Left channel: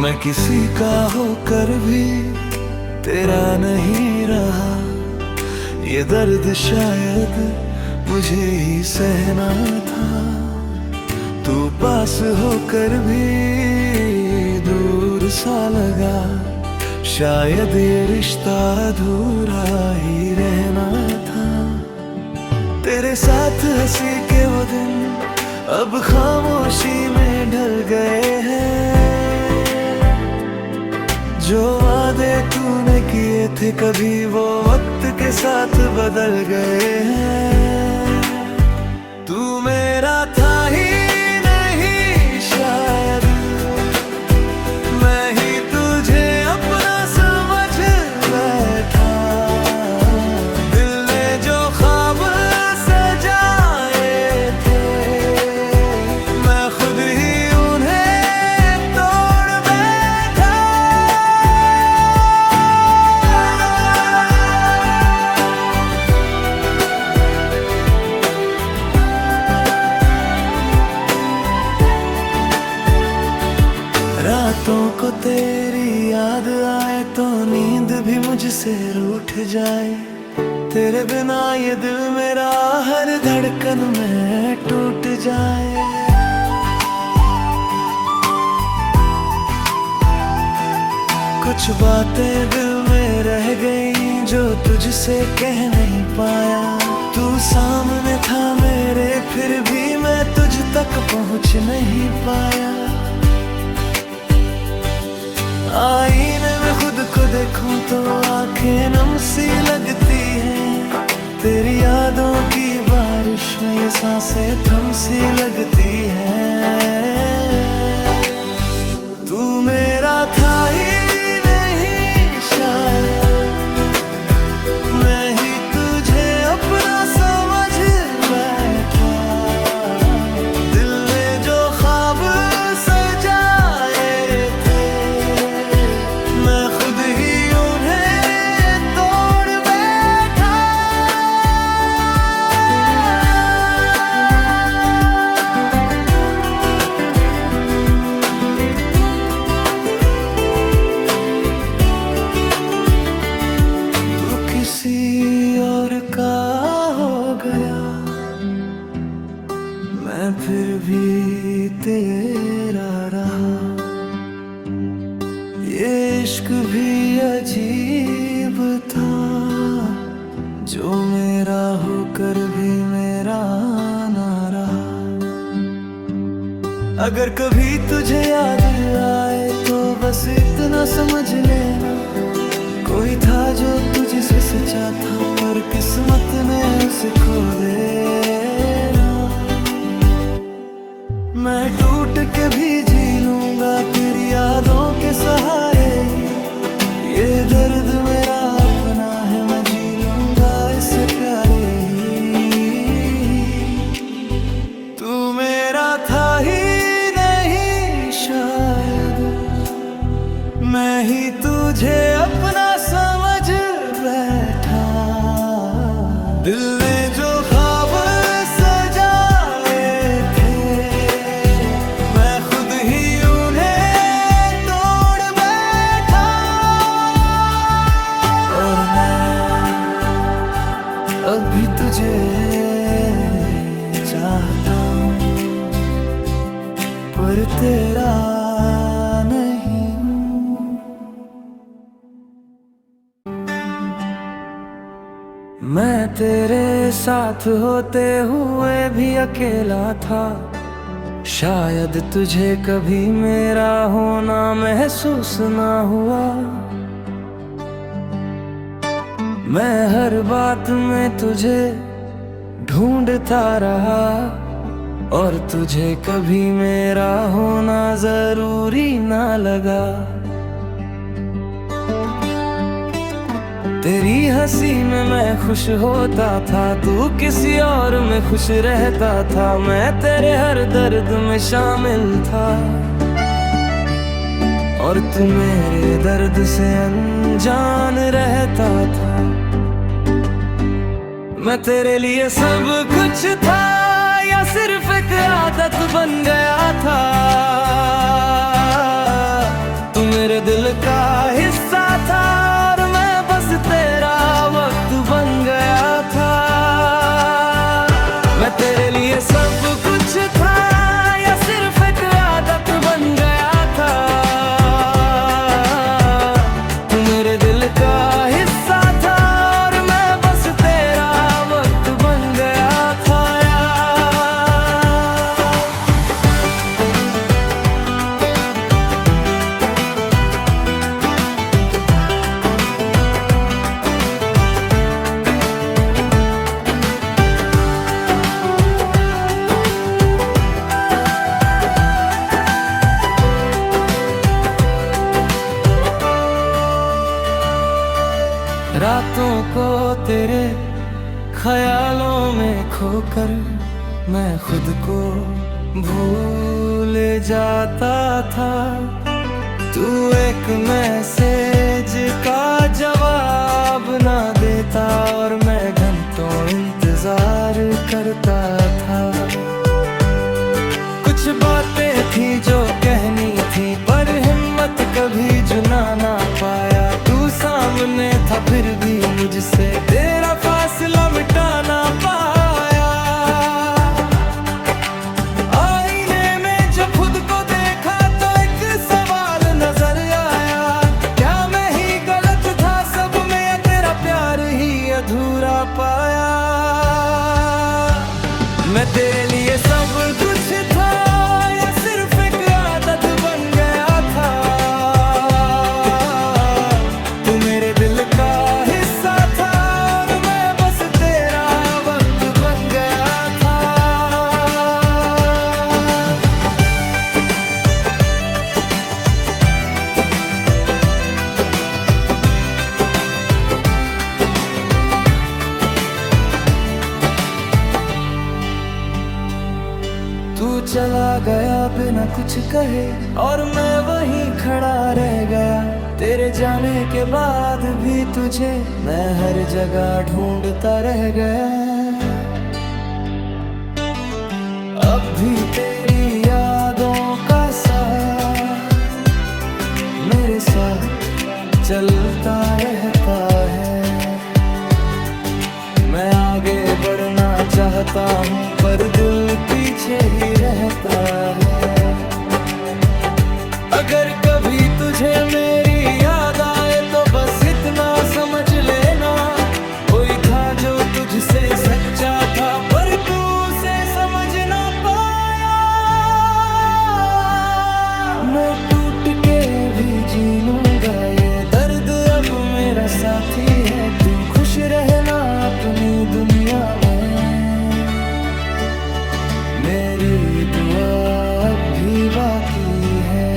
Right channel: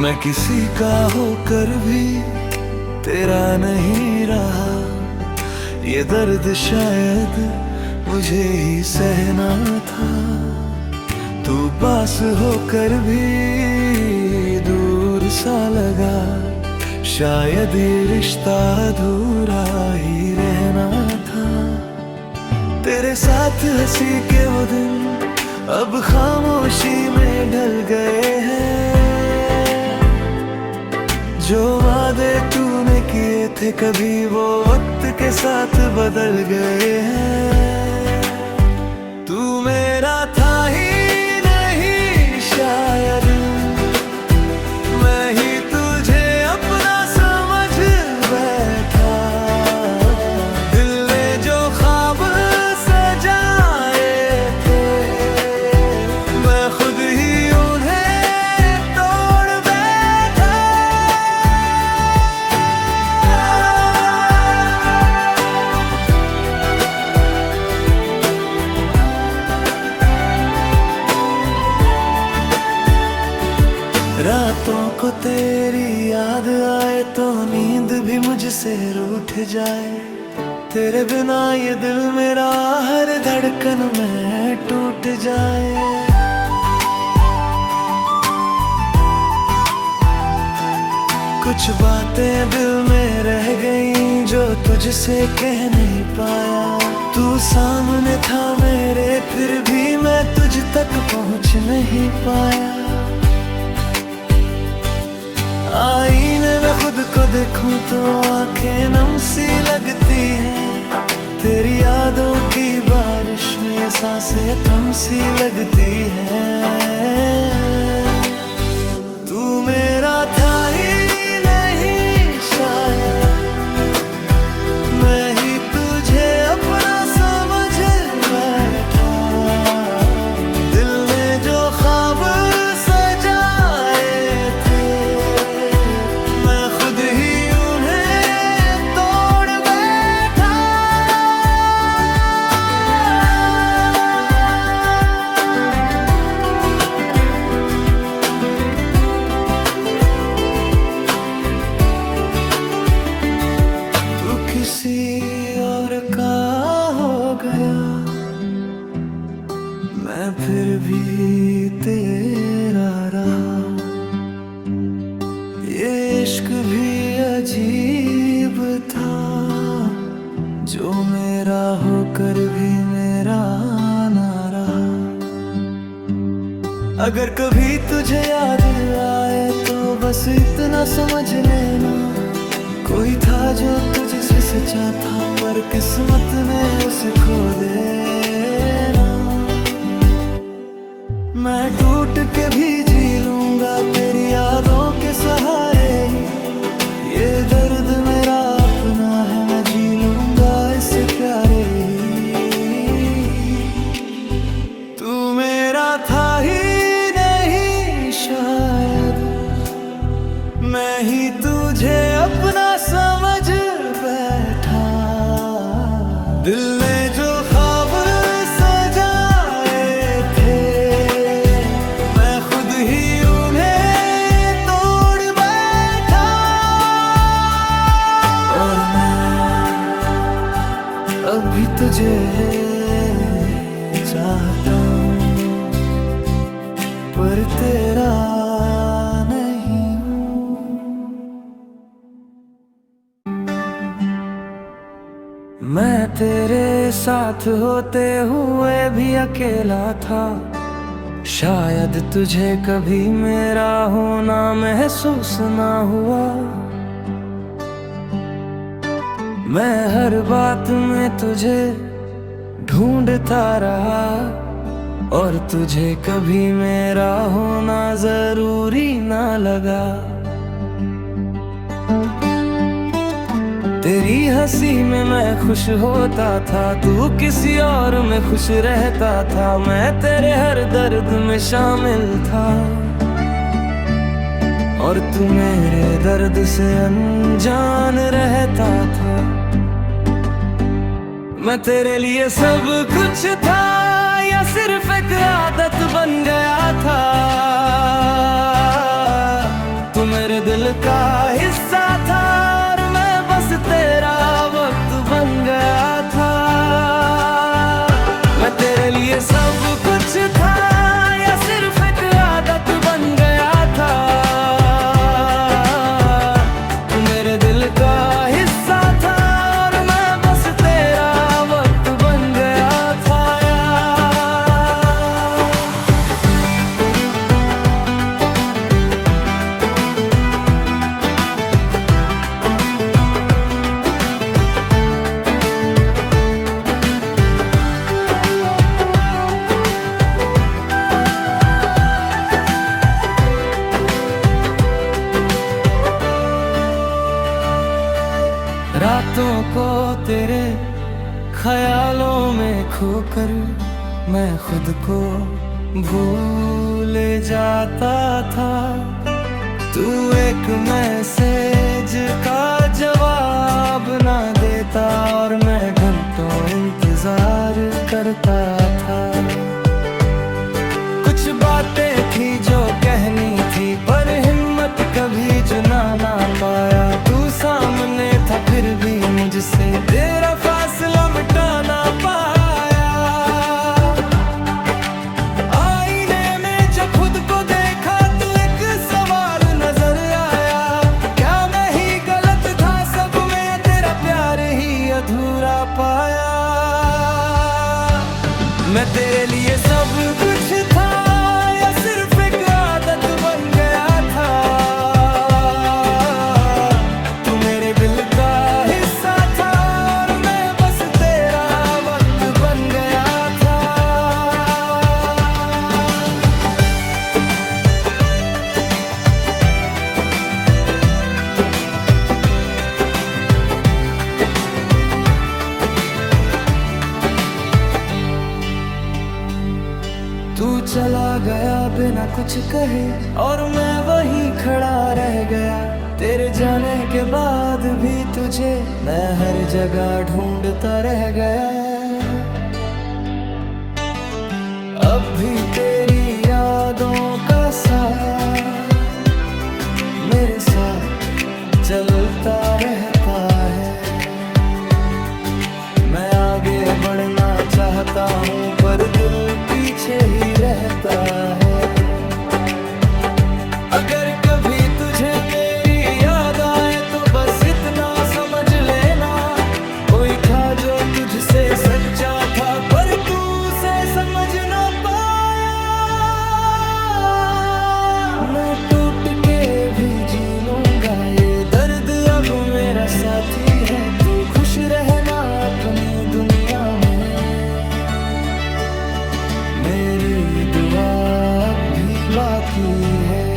मैं किसी का होकर भी तेरा नहीं रहा। ये दर्द शायद मुझे ही सहना था। तू पास होकर भी दूर सा लगा। शायद ये रिश्ता अधूरा ही रहना था। तेरे साथ हंसी के वो दिन अब खामोशी में ढल गए हैं। जो वादे तूने किए थे कभी वो वक्त के साथ बदल गए हैं। तू मेरा था ही नहीं शायद, मैं ही तुझे अपना समझ बैठा। दिल ने जो ख्वाब सजाए थे मैं खुद ही उन्हें तोड़ बैठा। रातों को तेरी याद आए तो नींद भी मुझसे रूठ जाए। तेरे बिना ये दिल मेरा हर धड़कन में टूट जाए। कुछ बातें दिल में रह गईं जो तुझसे कह नहीं पाया। तू सामने था मेरे फिर भी मैं तुझ तक पहुंच नहीं पाया। आईने में खुद को देखूं तो आंखें नम सी लगती है। तेरी यादों की बारिश में ये सांसें थम सी लगती है। तू मेरा था ही नहीं शायद, मैं ही तुझे अपना समझ बैठा। दिल ने जो ख्वाब सजाए थे मैं खुद ही उन्हें तोड़ बैठा। तू किसी और का हो गया, मैं फिर भी तेरा रहा। ये इश्क भी अजीब था जो मेरा होकर भी मेरा ना रहा। अगर कभी तुझे याद आए तो बस इतना समझ लेना, कोई था जो तुझसे सच्चा था पर किस्मत ने उसे खो देना। मैं टूट के भी जी लूंगा तेरी यादों के सहारे ही। ये दर्द मेरा अपना है मैं जी लूंगा इससे प्यारे ही। तू मेरा था ही नहीं शायद, मैं ही तुझे अपना समझ बैठा। दिल ने जो ख्वाब सजाए थे मैं खुद ही उन्हें तोड़ बैठा। और मैं अब भी तुझे चाहता हूँ पर तेरा नहीं हूँ। मैं तेरे साथ होते हुए भी अकेला था। शायद तुझे कभी मेरा होना महसूस ना हुआ। मैं हर बात में तुझे ढूंढता रहा और तुझे कभी मेरा होना जरूरी ना लगा। तेरी हंसी में मैं खुश होता था, तू किसी और में खुश रहता था। मैं तेरे हर दर्द में शामिल था और तू मेरे दर्द से अनजान रहता था। मैं तेरे लिए सब कुछ था या सिर्फ एक आदत बन गया था। तू मेरे दिल का हिस्सा था और मैं बस तेरा वक्त बन गया था। मैं तेरे लिए सब कुछ था या सिर्फ एक आदत बन गया था। तू मेरे दिल का हिस्सा था और मैं बस तेरा वक्त बन गया था यार। रातों को तेरे ख्यालों में खोकर मैं खुद को भूल जाता था। तू एक मैसेज का जवाब ना देता और मैं घंटों इंतजार करता था। कुछ बातें थी जो कहनी थी पर हिम्मत कभी जुना ना पाया। तू सामने था फिर भी मुझसे तेरा फासला मिटा ना पाया। आईने में जब खुद को देखा तो एक सवाल नजर आया, क्या मैं ही गलत था सब में या तेरा प्यार ही अधूरा पाया। मैं तेरे लिए सब कुछ था या सिर्फ एक आदत बन गया था। तू मेरे दिल का हिस्सा था और मैं बस तेरा वक्त बन गया था। तू चला गया बिना कुछ कहे और मैं वहीं खड़ा रह गया। तेरे जाने के बाद भी तुझे मैं हर जगह ढूंढता रह गया। अब भी तेरी यादों का साया मेरे साथ चलता रहता है। मैं आगे बढ़ना चाहता हूँ पर दिल पीछे ही रहता है। अगर कभी तुझे मेरी याद आए तो बस इतना समझ लेना, कोई था जो तुझसे सच्चा था पर तू उसे समझ ना पाया। मैं टूट के भी जी लूंगा ये दर्द अब मेरा साथी है। तू खुश रहना अपनी दुनिया में, मेरी दुआ अब भी बाकी है।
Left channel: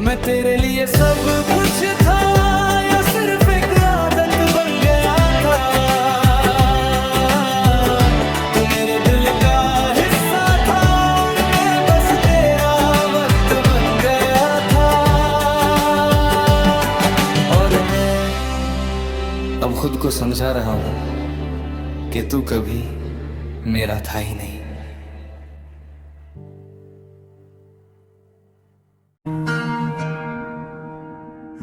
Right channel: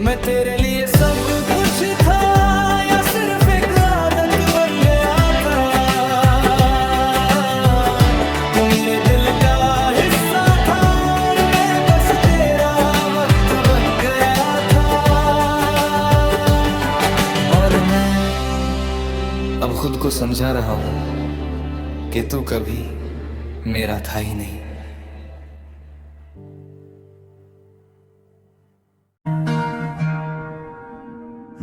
मैं तेरे लिए सब कुछ था या सिर्फ एक आदत बन गया था। तू मेरे दिल का हिस्सा था और मैं बस तेरा वक्त बन गया था। और मैं अब खुद को समझा रहा हूं कि तू कभी मेरा था ही नहीं।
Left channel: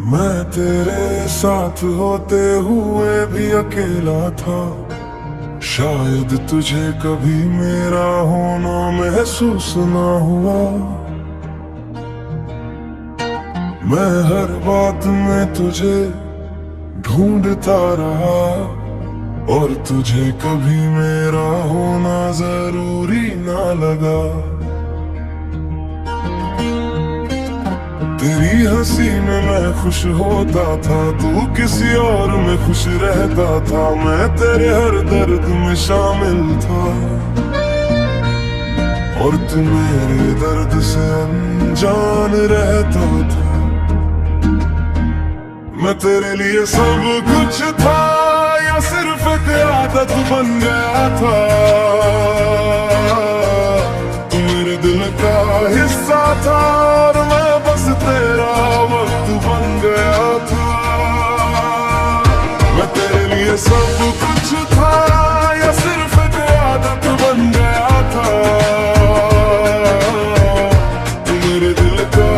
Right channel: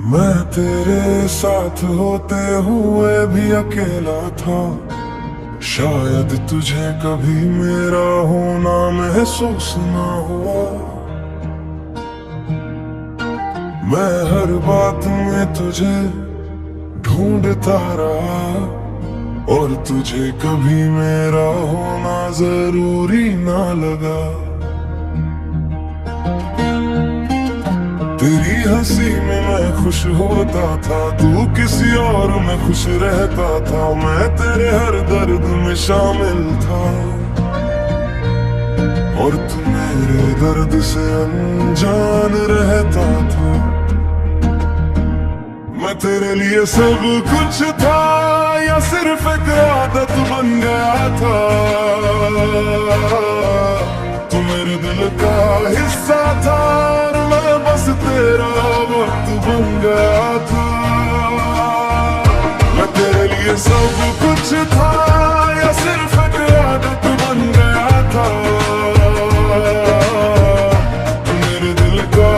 मैं तेरे साथ होते हुए भी अकेला था, शायद तुझे कभी मेरा होना महसूस ना हुआ। मैं हर बात में तुझे ढूंढता रहा और तुझे कभी मेरा होना जरूरी ना लगा। तेरी हंसी में मैं खुश होता था, तू किसी और में खुश रहता था। मैं तेरे हर दर्द में शामिल था और तू मेरे दर्द से अनजान रहता था। मैं तेरे लिए सब कुछ था या सिर्फ एक आदत बन गया था। तू मेरे दिल का हिस्सा था और मैं बस तेरा वक्त बन गया था। मैं तेरे लिए सब कुछ था या सिर्फ एक आदत बन गया था। तू मेरे दिल का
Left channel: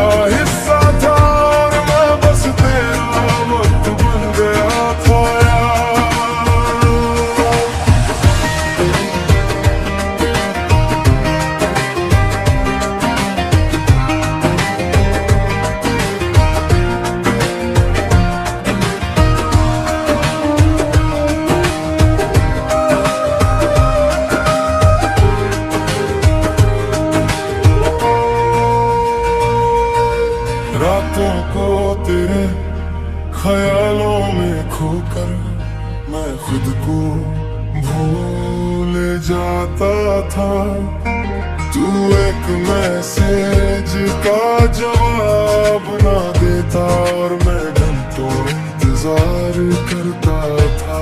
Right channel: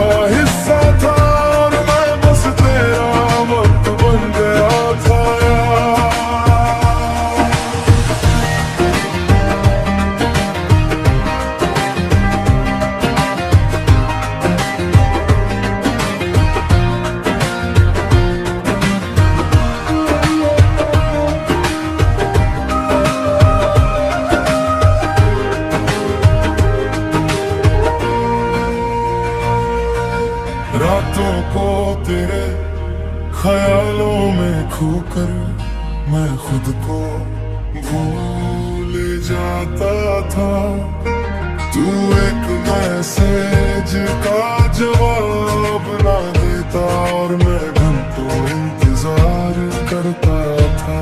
को भूल जाता था। तू एक मैसेज का जवाब ना देता और मैं घंटों इंतजार करता था।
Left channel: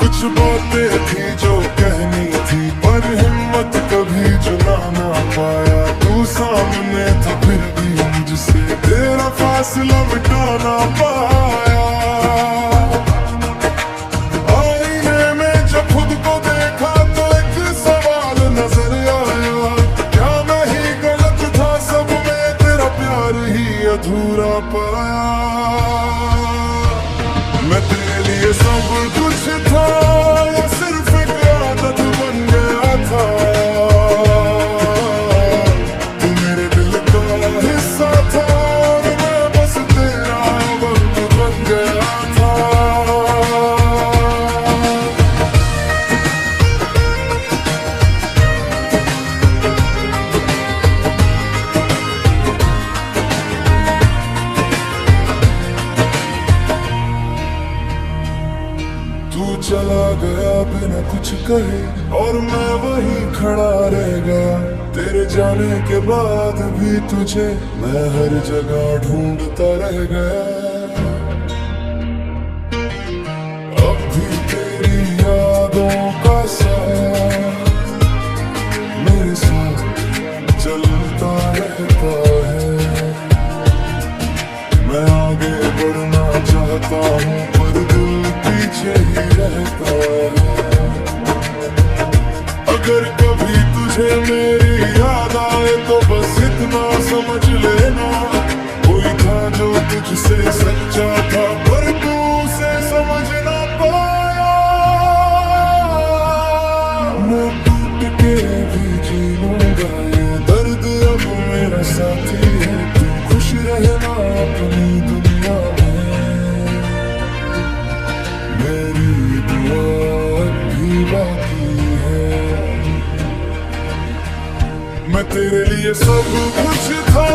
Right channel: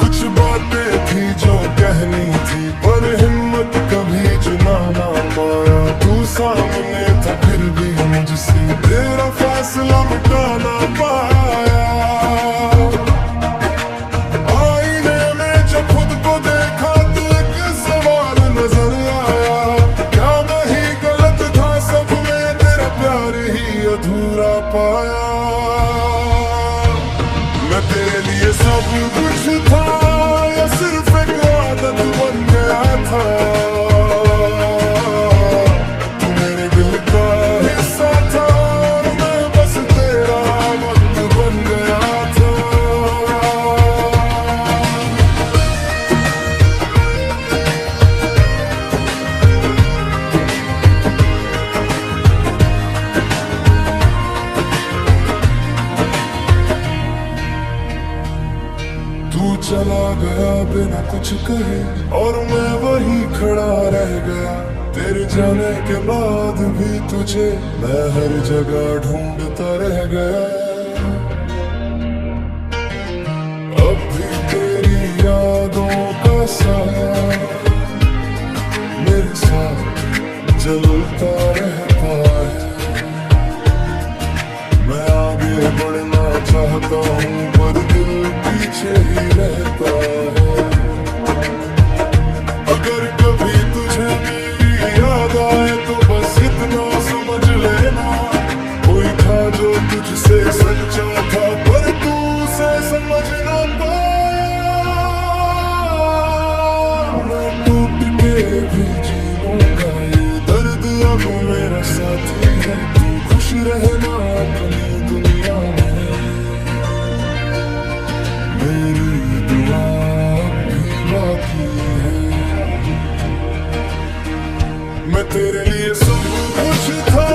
कुछ बातें थी जो कहनी थी पर हिम्मत कभी जुना ना पाया। तू सामने था फिर भी मुझसे तेरा फासला मिटा ना पाया। आईने में जब खुद को देखा तो एक सवाल नजर आया, क्या मैं ही गलत था, सब में तेरा प्यार ही अधूरा पाया। मैं तेरे लिए सब कुछ था, ये सिर्फ एक आदत बन गया था। तू मेरे दिल का हिस्सा था और मैं बस तेरा वक्त बन गया था। तू चला गया बिना कुछ कहे और मैं वहीं खड़ा रह गया। तेरे जाने के बाद भी तुझे मैं हर जगह ढूंढता रह गया। अब भी तेरी यादों का साया मेरे साथ जलता रहता है। मैं आगे बढ़ना चाहता हूँ पर दिल पीछे ही रहता है। अगर कभी तुझे मेरी याद आए तो बस इतना समझ लेना, कोई था जो तुझसे सच्चा था पर तू उसे समझ ना पाया। मैं टूट के भी जी लूंगा, ये दर्द अब मेरा साथी है। तू खुश रहना अपनी दुनिया में, मेरी दुआ भी बाकी है। मैं तेरे लिए सब कुछ था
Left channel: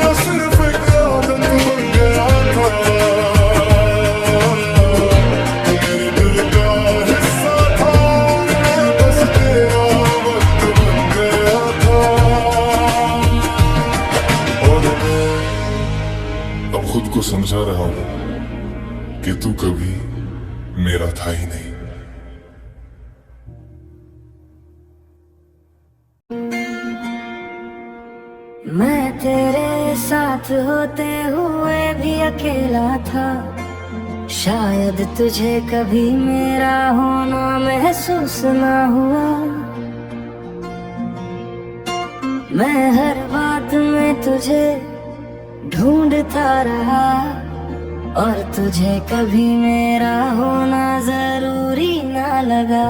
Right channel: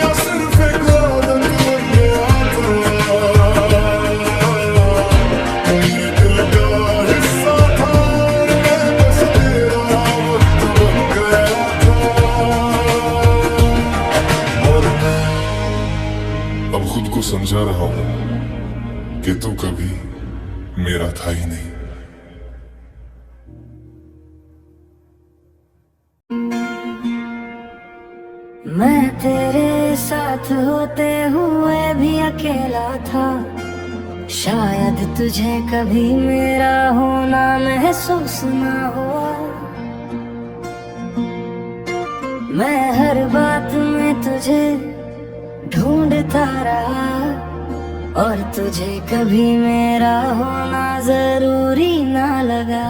या सिर्फ एक आदत बन गया था। तू मेरे दिल का हिस्सा था और मैं बस तेरा वक्त बन गया था। और मैं अब खुद को समझा रहा हूँ कि तू कभी मेरा था ही नहीं। मैं तेरे साथ होते हुए भी अकेला था, शायद तुझे कभी मेरा होना महसूस ना हुआ। मैं हर बात में तुझे ढूंढता रहा और तुझे कभी मेरा होना जरूरी ना लगा।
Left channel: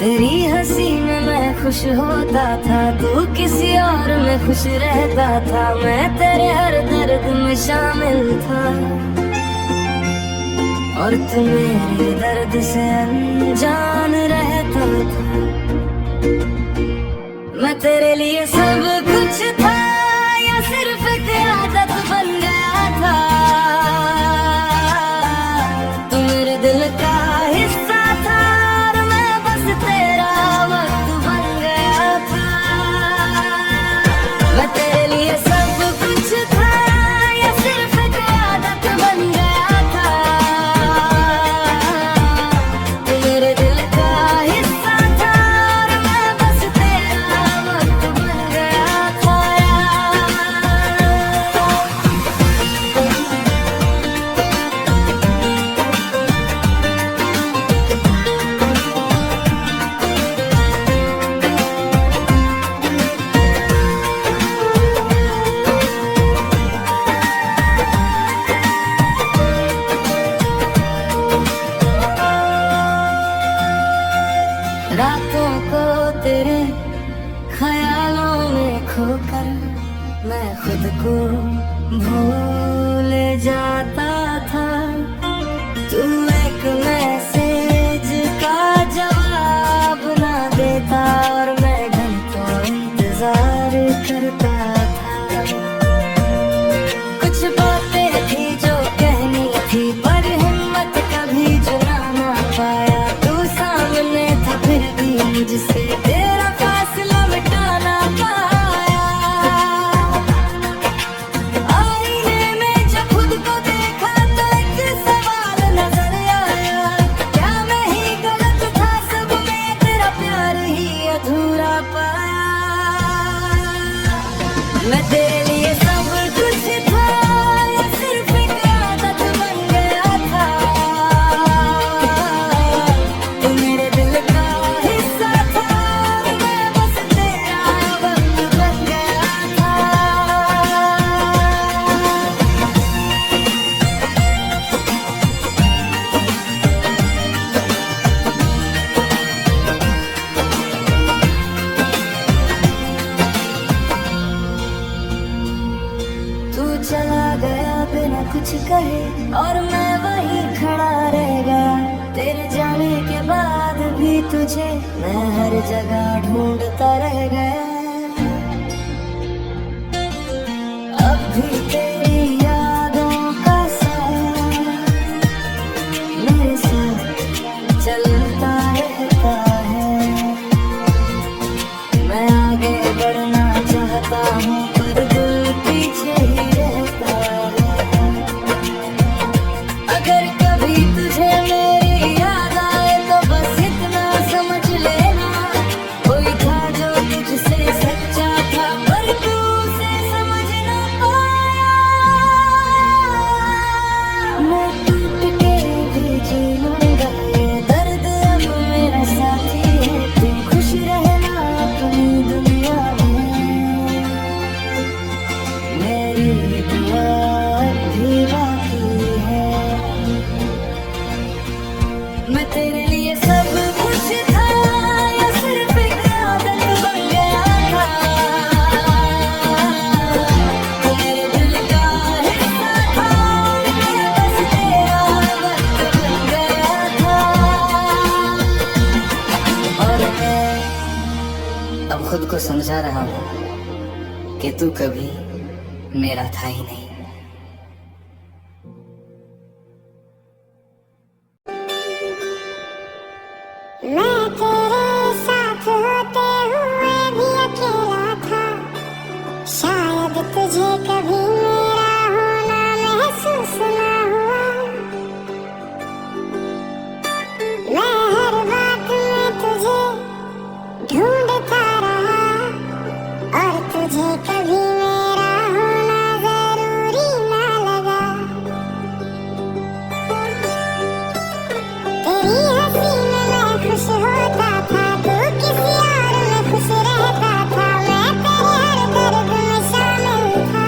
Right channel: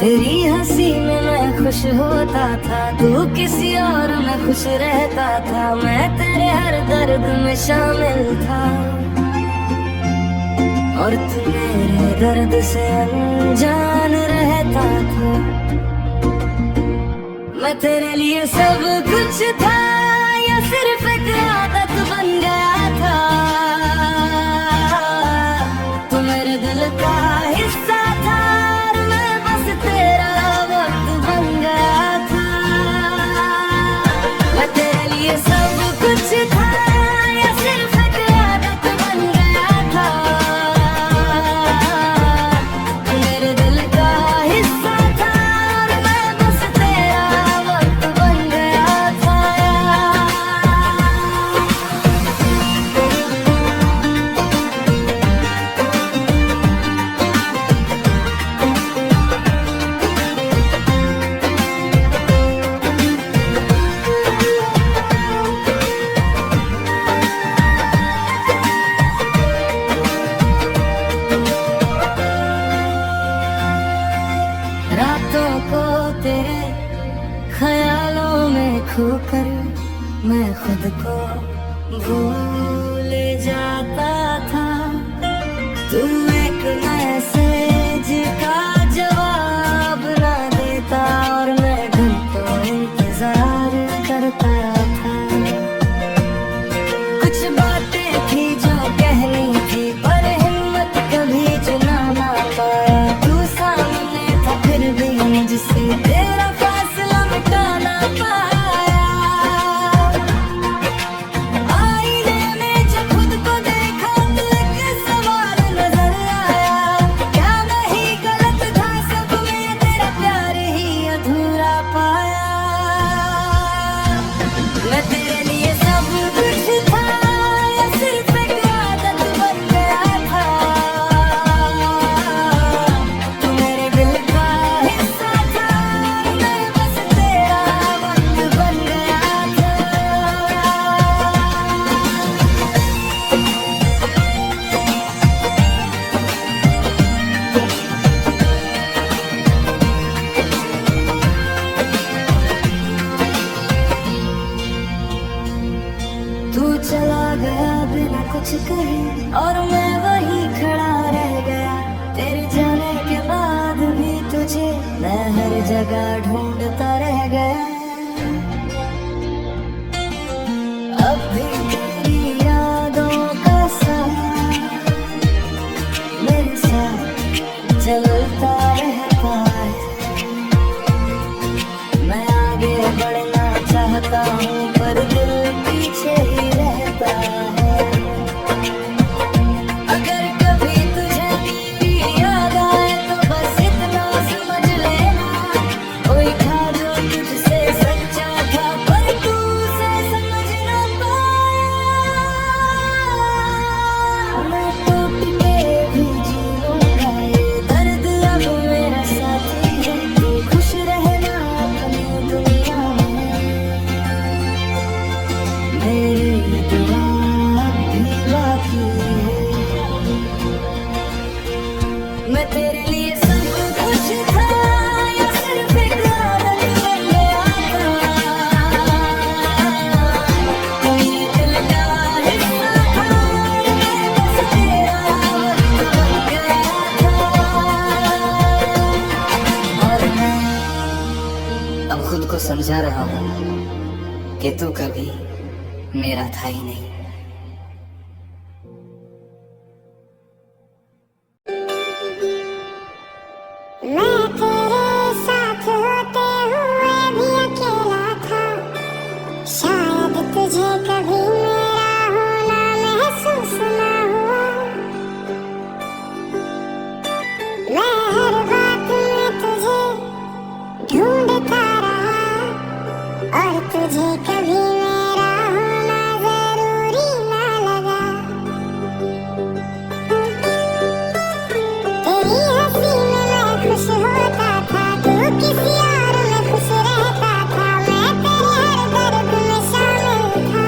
तेरी हंसी में मैं खुश होता था, तू किसी और में खुश रहता था। मैं तेरे हर दर्द में शामिल था और तू मेरे दर्द से अनजान रहता था। मैं तेरे लिए सब कुछ था या सिर्फ एक आदत बन गया था। तू मेरे दिल का हिस्सा था और मैं बस तेरा वक्त बन गया था। मैं तेरे लिए सब कुछ था या सिर्फ एक आदत बन गया था। तू मेरे दिल का हिस्सा था और मैं बस तेरा वक्त बन गया था। रातों को तेरे ख्यालों में खोकर मैं खुद को भूल जाता था। तू एक मैसेज का जवाब न देता और मैं घंटों इंतजार करता था। कुछ बातें थी जो तुझसे तेरा फासला मिटा ना पाया। आईने में जब खुद को देखा तो एक सवाल नजर आया, क्या मैं ही गलत था, सब में तेरा प्यार ही अधूरा पाया। मैं तेरे लिए सब कुछ था या सिर्फ एक आदत बन गया था। तू मेरे दिल का हिस्सा था, मैं बस तेरा वक्त बन गया था। तू चला गया बिना कुछ कहे और मैं वहीं खड़ा रह गया। तेरे जाने के बाद भी तुझे मैं हर जगह ढूंढता रह गया। अब भी तेरी यादों का साया मेरे साथ चलता रहता है। मैं आगे बढ़ना चाहता हूँ पर दिल पीछे ही रहता है। अगर कभी तुझे मेरी याद आए तो बस इतना समझ लेना, कोई था जो तुझसे सच्चा था पर तू उसे समझ ना पाया। मैं टूट के भी जी लूंगा, ये दर्द अब मेरा साथी है। तू खुश रहना अपनी दुनिया में, मेरी दुआ भी बाकी है। मैं तेरे लिए सब कुछ था या सिर्फ एक आदत बन गया था। मेरे दिल का हिस्सा था, मैं बस तेरा वक्त बन गया था। और मैं अब खुद को समझा रहा हूँ कि तू कभी मेरा था ही नहीं। मैं तेरे साथ होते हुए भी अकेला था, शायद तुझे कभी मेरा होना महसूस ना हुआ। मैं हर बात में तुझे ढूंढता रहा और तुझे कभी मेरा होना जरूरी ना लगा। तेरी हंसी में मैं खुश होता था, तू किसी और में खुश रहता था। मैं तेरे हर दर्द में शामिल था।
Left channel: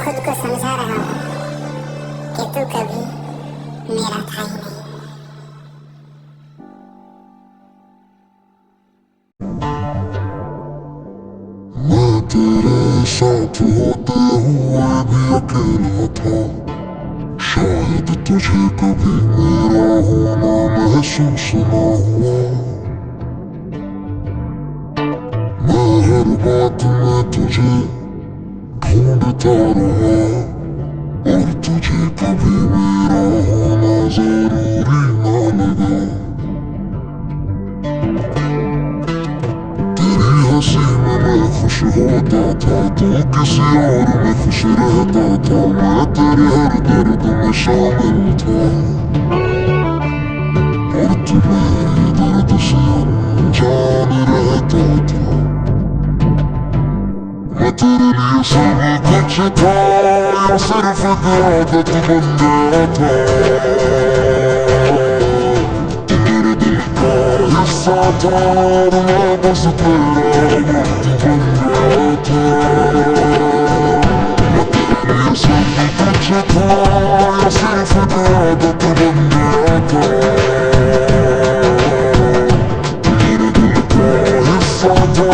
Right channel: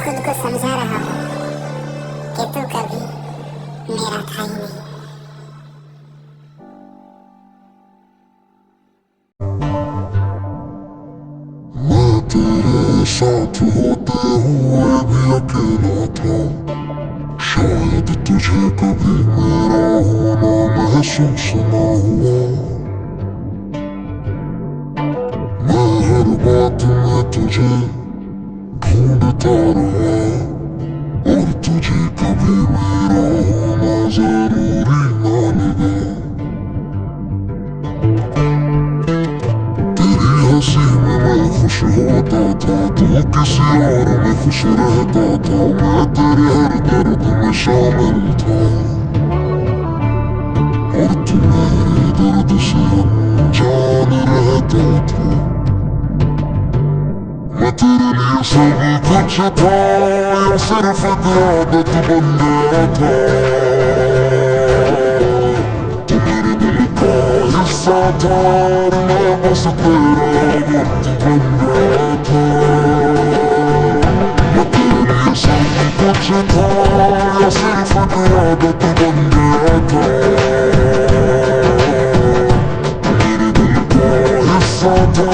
खुद को समझा रहा हूँ कि तू कभी मेरा था ही नहीं। तेरे साथ होते हुए भी अकेला था, शायद तुझे कभी मेरा होना महसूस ना हुआ। हर बात में तुझे ढूंढता रहा, और तुझे कभी मेरा होना जरूरी ना लगा। हंसी में मैं खुश होता था, तू किसी और में खुश रहता था। मैं तेरे हर दर्द में शामिल था, और तू मेरे दर्द से अनजान रहता था। मैं तेरे लिए सब कुछ था, सिर्फ याद बन गया था। तू मेरे दिल का हिस्सा था, मैं बस तेरा वक्त बन गया था। मैं तेरे लिए सब कुछ था, सिर्फ आदत बन गया था। मेरे दिल का हिस्सा था,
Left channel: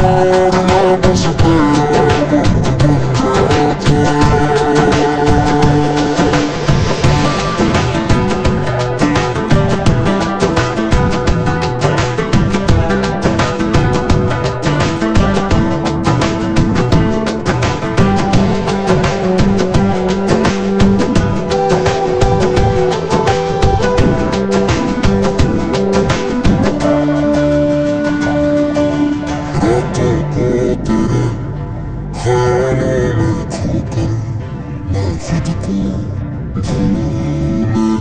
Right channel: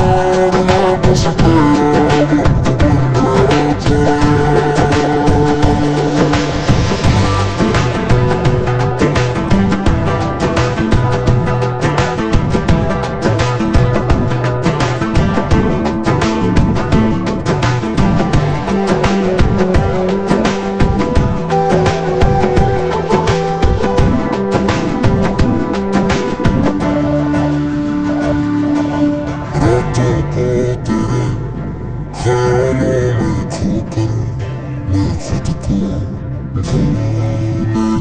मैं बस तेरा वक्त बन गया था।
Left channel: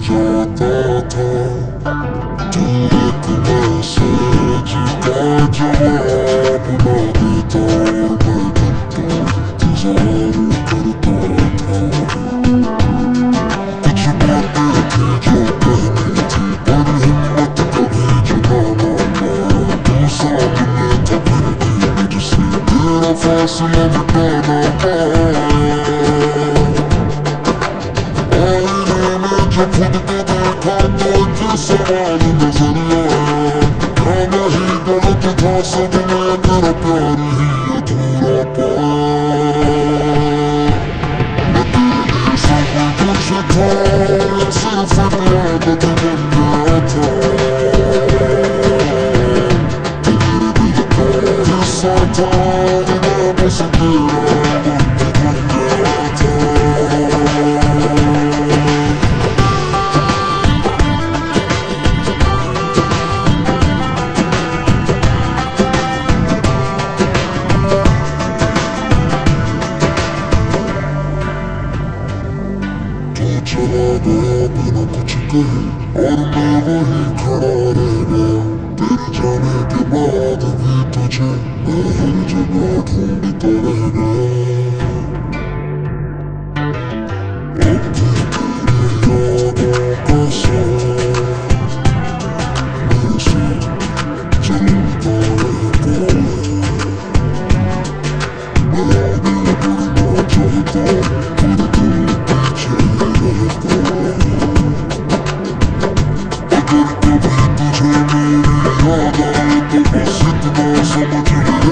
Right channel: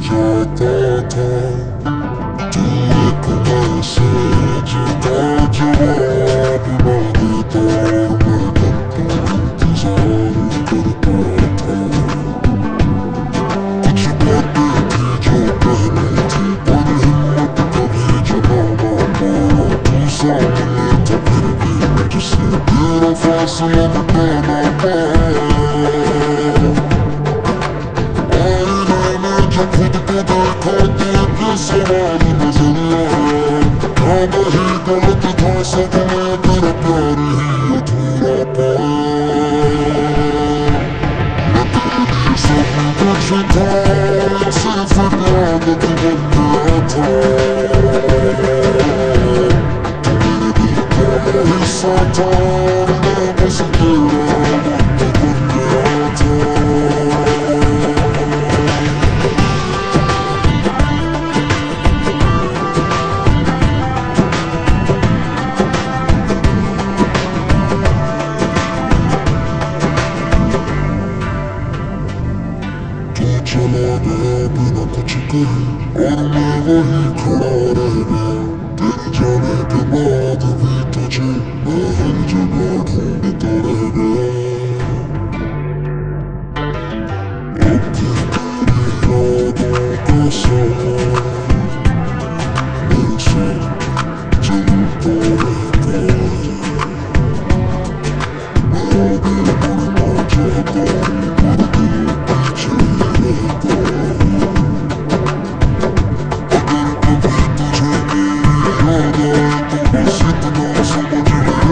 जाता था तू एक मैसेज का जवाब ना देता, मैं इंतजार करता था। कुछ बातें थी जो कहनी थी, पर हिम्मत कभी जमा ना पाया। तू सामने था फिर भी मुझसे तेरा फासला मिटा ना पाया। सवाल नजर आया, क्या नहीं गलत था, सब मैं तेरा प्यार ही अधूरा पाया। मैं तेरे लिए सब कुछ था, सिर्फ आदत बन गया था। मेरे दिल का हिस्सा था, मैं बस तेरा वक्त बन गया था। चला गया बिना कुछ कहे, और मैं वही खड़ा रह गया। तेरे जाने के बाद भी तुझे मैं हर जगह ढूंढता रह गया। अब फिर तेरी यादों का सहारा मेरे से चलता रहता है। मैं आगे बढ़ना चाहता हूँ, समझ नहीं पाया।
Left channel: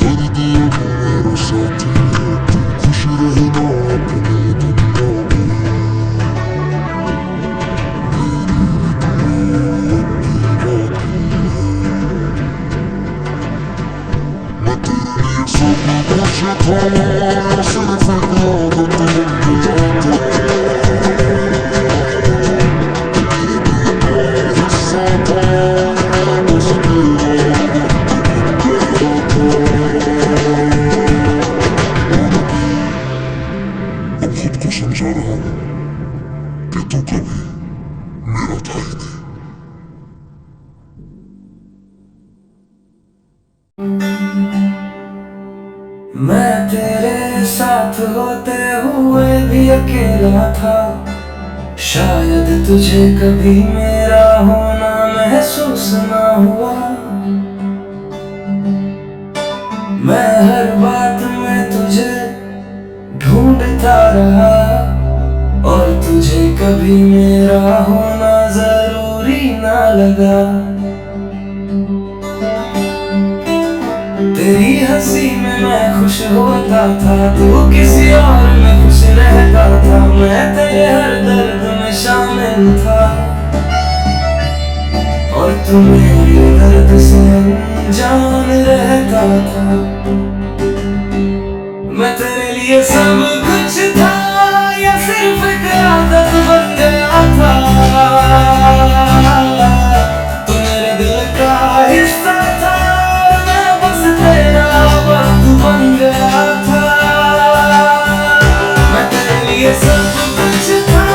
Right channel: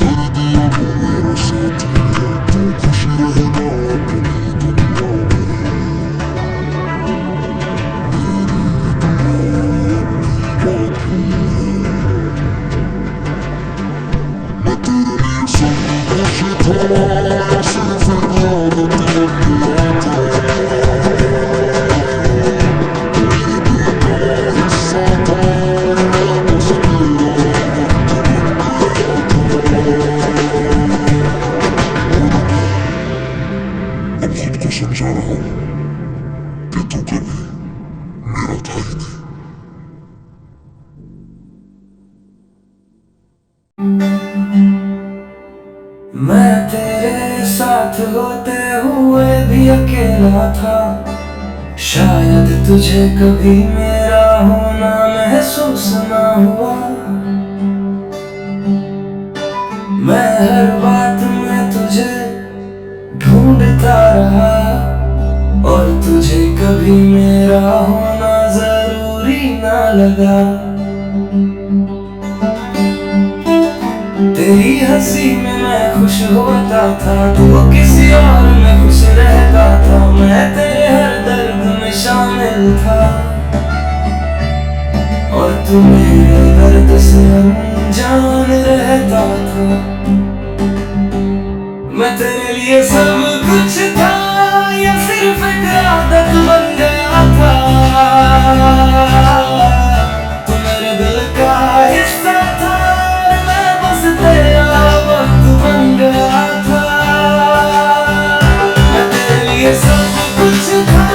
दर्द मेरे साथी है, तू खुश रहना अपनी दुनिया में। मैं तेरे लिए सब कुछ था, सिर्फ आदत बन गया था। खुद को समझा रहा हूँ कि तू कभी मेरा था ही नहीं। मैं तेरे साथ होते हुए भी अकेला था, शायद तुझे कभी मेरा होना महसूस ना हुआ। मैं हर बात में तुझे ढूंढता रहा, और तुझे कभी मेरा होना जरूरी ना लगा। तेरी हंसी में मैं खुश होता था, तू किसी और में खुश रहता था। मैं तेरे हर दर्द में शामिल था, और तू मेरे दर्द से अनजान रहता था। मैं तेरे लिए सब कुछ था, या सिर्फ एक आदत बन गया था। तू मेरे दिल का हिस्सा था, मैं बस तेरा वक्त बन गया था। मैं तेरे लिए सब कुछ था,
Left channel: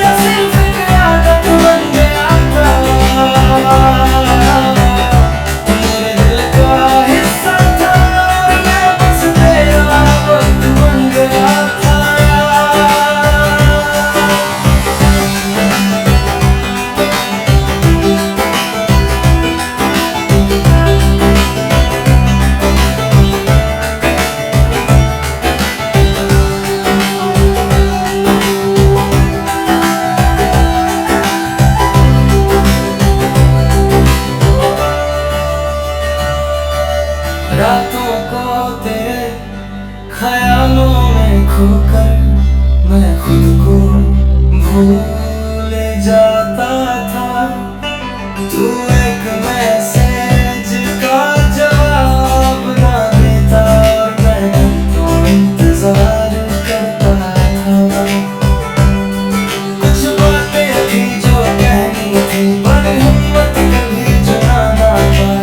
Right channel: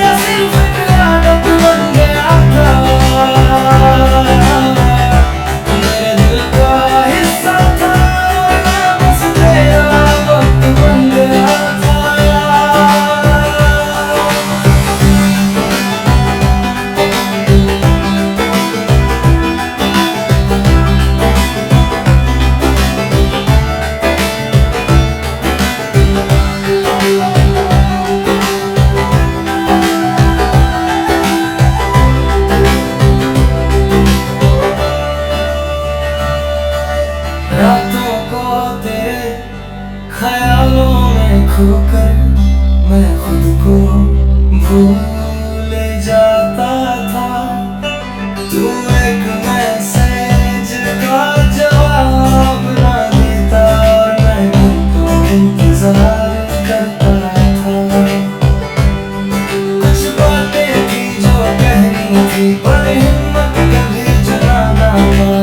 या सिर्फ एक आदत बन गया था। तू मेरे दिल का हिस्सा था, मैं बस तेरा वक्त बन गया था। रातों को तेरे ख्यालों में खोकर मैं खुद को भूल जाता था। तू एक मैसेज का जवाब ना देता, और मैं घंटों इंतजार करता था। कुछ बातें थी जो कहनी थी, पर हिम्मत कभी जुटा ना पाई।